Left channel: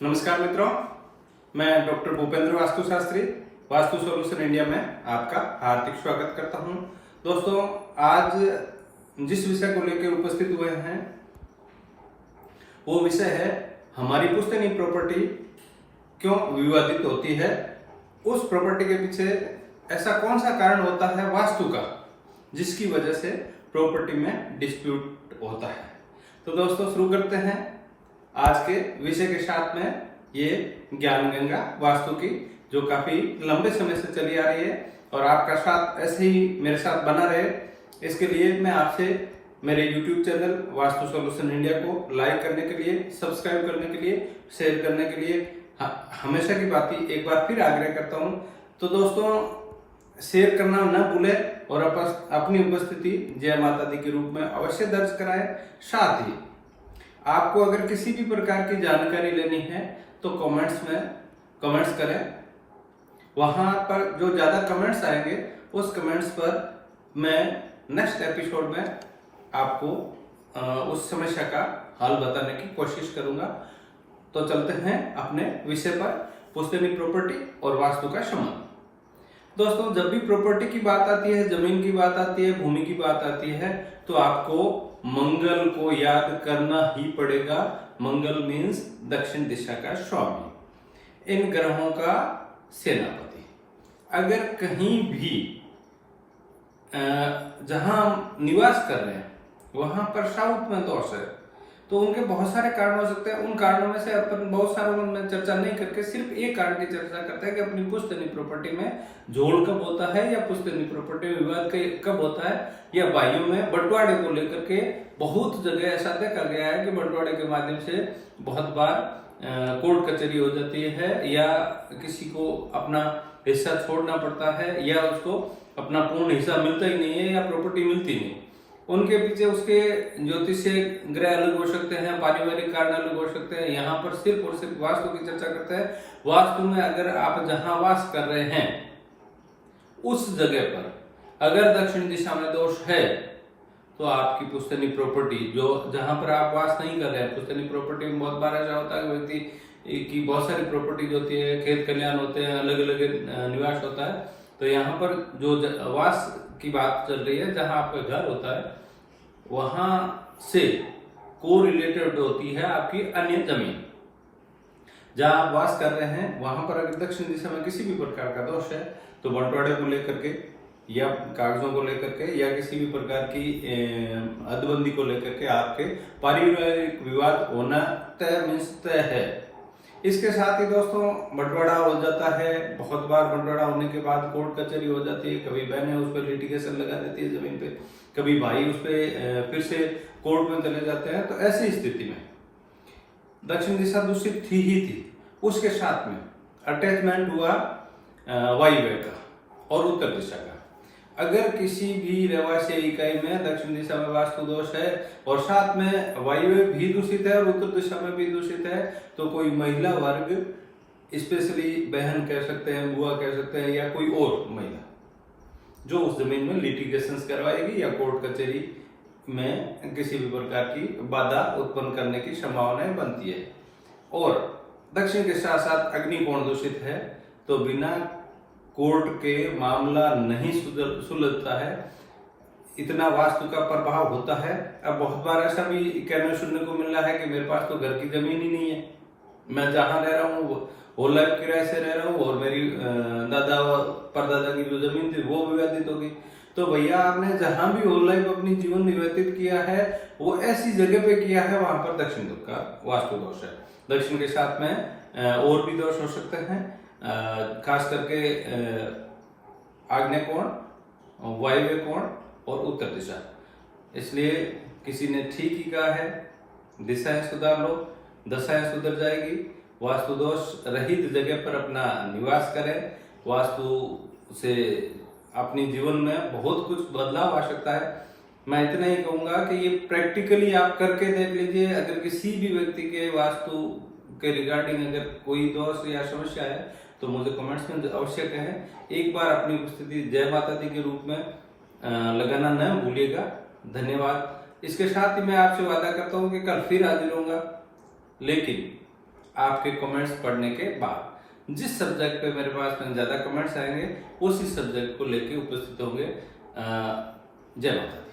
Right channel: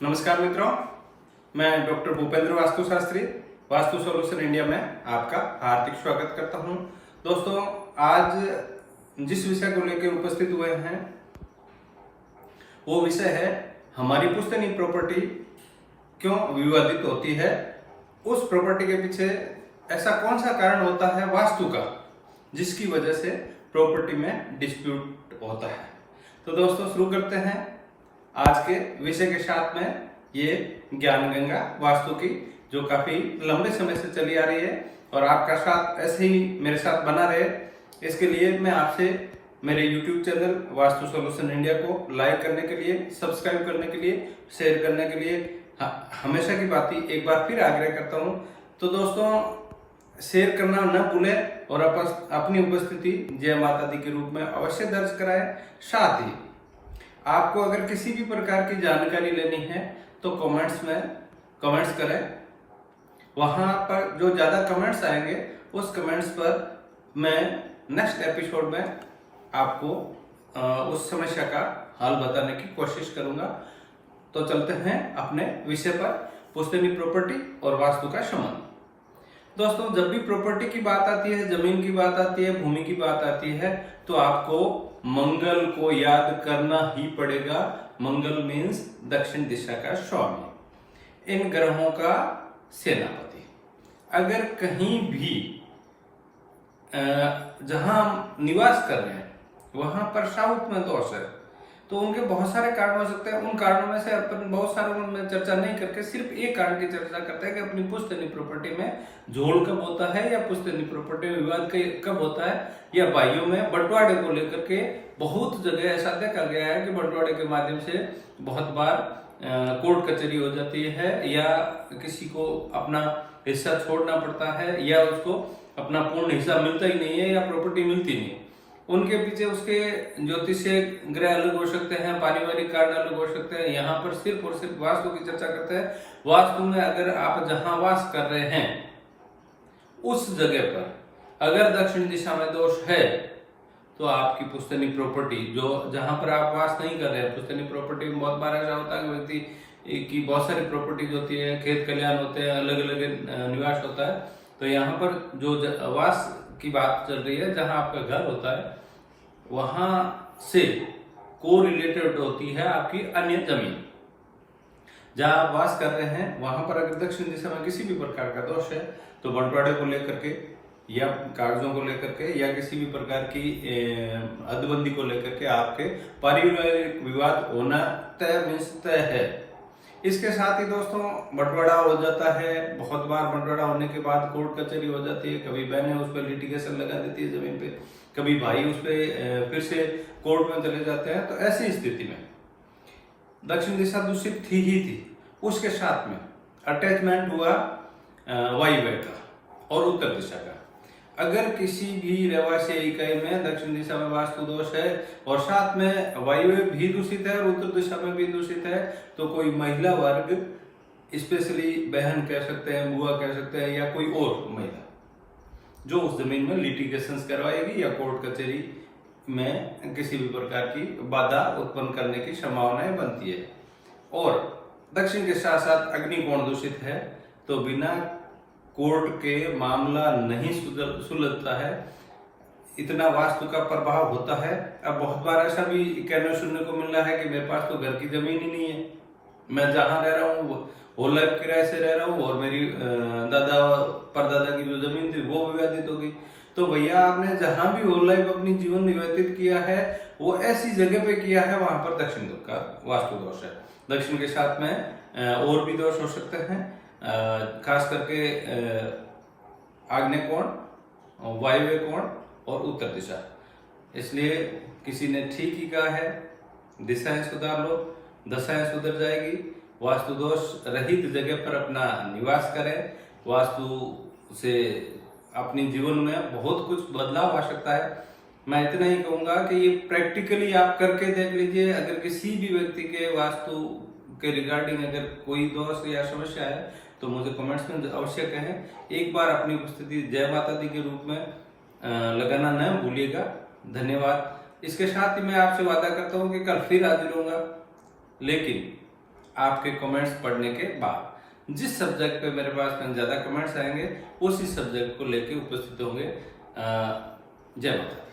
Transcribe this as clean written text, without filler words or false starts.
नमस्कार मित्रों, मैं doctor Bhupendra vastu Shastri vastu solution India में आपका हार्दिक स्वागत करता हूं। दोस्तों, आज जिस विषय को लेकर उपस्थित हुए हैं वो विषय है हमारी पुश्तैनी प्रॉपर्टी क्यों विवादित होती है। उस प्रॉपर्टी के पीछे ऐसा कौन सा कारण होता है वास्तु का जिसकी वजह से प्रॉपर्टी में डिस्प्यूट होता है। तो दोस्तों, शुरू करते हैं आज के विषय के साथ में ये ज्ञान गंगा वास्तु की, जो काफी लंबे समय से चली आ रही है और आपका साथ ऐसे ही मेरे साथ बना रहे, इसके लिए मैं आपसे मेरे YouTube channel vastu solution India को लाइक करने के लिए, सब्सक्राइब करने के लिए, शेयर करने के लिए हमेशा की बात ही एक बार फिर आग्रह करता हूं। तो दोस्तों, शेयर करना न भूलें और अपनी उपस्थिति जय माता दी के रूप में अवश्य दर्ज कराएं। साथ ही आपको अगर किसी भी प्रकार की जानकारी लेनी है तो कमेंट्स में कमेंट्स करें। वहां पर जो ज्यादा कमेंट्स आएंगे उस कमेंट्स पर मैं नेक्स्ट एपिसोड में आपको उस समस्या का हल बताने की कोशिश करूंगा। तो चलते हैं अपने विषय पर, पुश्तैनी प्रॉपर्टी और वास्तु का संबंध। दोस्तों, जब भी प्रॉपर्टी की बात आती है, जमीन की बात आती है, भूमि की बात आती है, तो आपको मंगल को याद करना ही पड़ेगा। मंगल मीन्स दक्षिण दिशा का स्वामी, इन ग्रहों का सेनापति। अगर कहीं भी जहां निवास कर रहे हैं वहां पर साउथ में दोष है तो उनके बहुत सारे कारण हो सकते हैं। उन कारणों में से अपन बहुत सारों में चर्चा नहीं करके सिर्फ एक कारण की चर्चा करते हैं कि अपनी पुश्तैनी प्रॉपर्टी में झोल कब होता है, या पुश्तैनी प्रॉपर्टी में विवाद कब होता है, या भाइयों में बंटवारे को लेकर के बहुत जगह ऐसा देखा गया है कि बंटवारे के माध्यम से बहुत बार कोर्ट कचहरी हो जाती है, या किसी को अपना हिस्सा छोड़ना पड़ता है, या उसको अपना पूर्ण हिस्सा मिलता ही नहीं है, या प्रॉपर्टी मिलती नहीं। उनके पीछे उसके ज्योतिषीय ग्रह अलग हो सकते हैं, पारिवारिक कारण अलग हो सकते हैं। यहाँ पर सिर्फ और सिर्फ वास्तु की चर्चा करते हैं। वास्तु में अगर आप जहां वास कर रहे हैं उस जगह पर अगर दक्षिण दिशा में दोष है तो आपकी पुश्तैनी प्रॉपर्टी जो जहां पर आप वास नहीं कर रहे हैं, पुश्तैनी प्रॉपर्टी में बहुत बार ऐसा होता है कि व्यक्ति की बहुत सारी प्रॉपर्टीज होती है, खेत खलिहान होते हैं, अलग अलग निवास होता है। तो यहाँ पर जो वास की बात चल रही है, जहां आपका घर होता है वहां से को रिलेटेड होती है आपकी अन्य जमीन। जहां आप वास कर रहे हैं वहां पर अगर दक्षिण दिशा में किसी भी प्रकार का दोष है तो बंटवारे को लेकर के, या कागजों को लेकर के, या किसी भी प्रकार की हदबंदी को लेकर के आपके पारिवारिक विवाद होना तय है। इसके साथ ही दोस्तों, बंटवारा हो जाता है। बहुत बार बंटवारा होने के बाद कोर्ट कचहरी हो जाती है। कभी बहनें उस पर लिटिगेशन लगा देती है जमीन पे, कभी भाई उस पर फिर से कोर्ट में चले जाते हैं। तो ऐसी स्थिति में दक्षिण दिशा दूषित थी ही थी, उसके साथ में अटैचमेंट हुआ वायव्य का और उत्तर दिशा का। अगर किसी भी रहवासी इकाई में दक्षिण दिशा में वास्तु दोष है और साथ में वायव्य भी दूषित है और उत्तर दिशा में भी दूषित है, तो कोई महिला वर्ग, स्पेशली बहन कह सकते हैं, बुआ कह सकते हैं, या कोई और महिला जो उस जमीन में लिटिगेशंस करवाएगी या कोर्ट कचहरी में किसी भी प्रकार की बाधा उत्पन्न करने की संभावनाएं बनती है। और दक्षिण के साथ साथ अग्निकोण दूषित है तो बिना कोर्ट के मामला नहीं सुलझता है, इतना वास्तु का प्रभाव होता है। अब बहुत बार ऐसा भी कहना सुनने को मिल रहा है कि मेरे पास तो घर की जमीन ही नहीं है, मैं जहां रह रहा हूँ होल लाइफ किराए से रह रहा हूँ, और मेरी दादा परदादा की जो जमीन थी वो विवादित हो गई। तो भैया, आपने जहां भी होल लाइफ अपनी जीवन व्यतीत किया है वो ऐसी जगह पे किया है वहां पर दक्षिण का वास्तु दोष है। दक्षिण के साथ में और भी दोष हो सकते हैं, खास करके आग्नेय कोण, वायव्य कोण और उत्तर दिशा। इसलिए किसी ने ठीक ही कहा है, दिशाएं सुधार लो, दशाएं सुधर जाएगी। वास्तु दोष रहित जगह पर अपना निवास करें। वास्तु से अपनी जीवन में बहुत कुछ बदलाव आ सकता है। मैं इतना ही कहूंगा कि ये प्रैक्टिकली आप करके देख लीजिए। अगर किसी भी व्यक्ति के वास्तु के रिगार्डिंग अगर कोई दोष या समस्या है तो मुझे कमेंट्स में अवश्य कहें। एक बार अपनी उपस्थिति जय माता दी के रूप में लगाना न भूलिएगा। धन्यवाद। इसके साथ ही मैं आपसे वादा करता हूं कि कल फिर हाजिर होऊंगा, लेकिन आपके कमेंट्स पढ़ने के बाद। जिस सब्जेक्ट पे मेरे पास में ज्यादा कमेंट्स आएंगे उसी सब्जेक्ट को लेके उपस्थित होंगे। जय माता दी।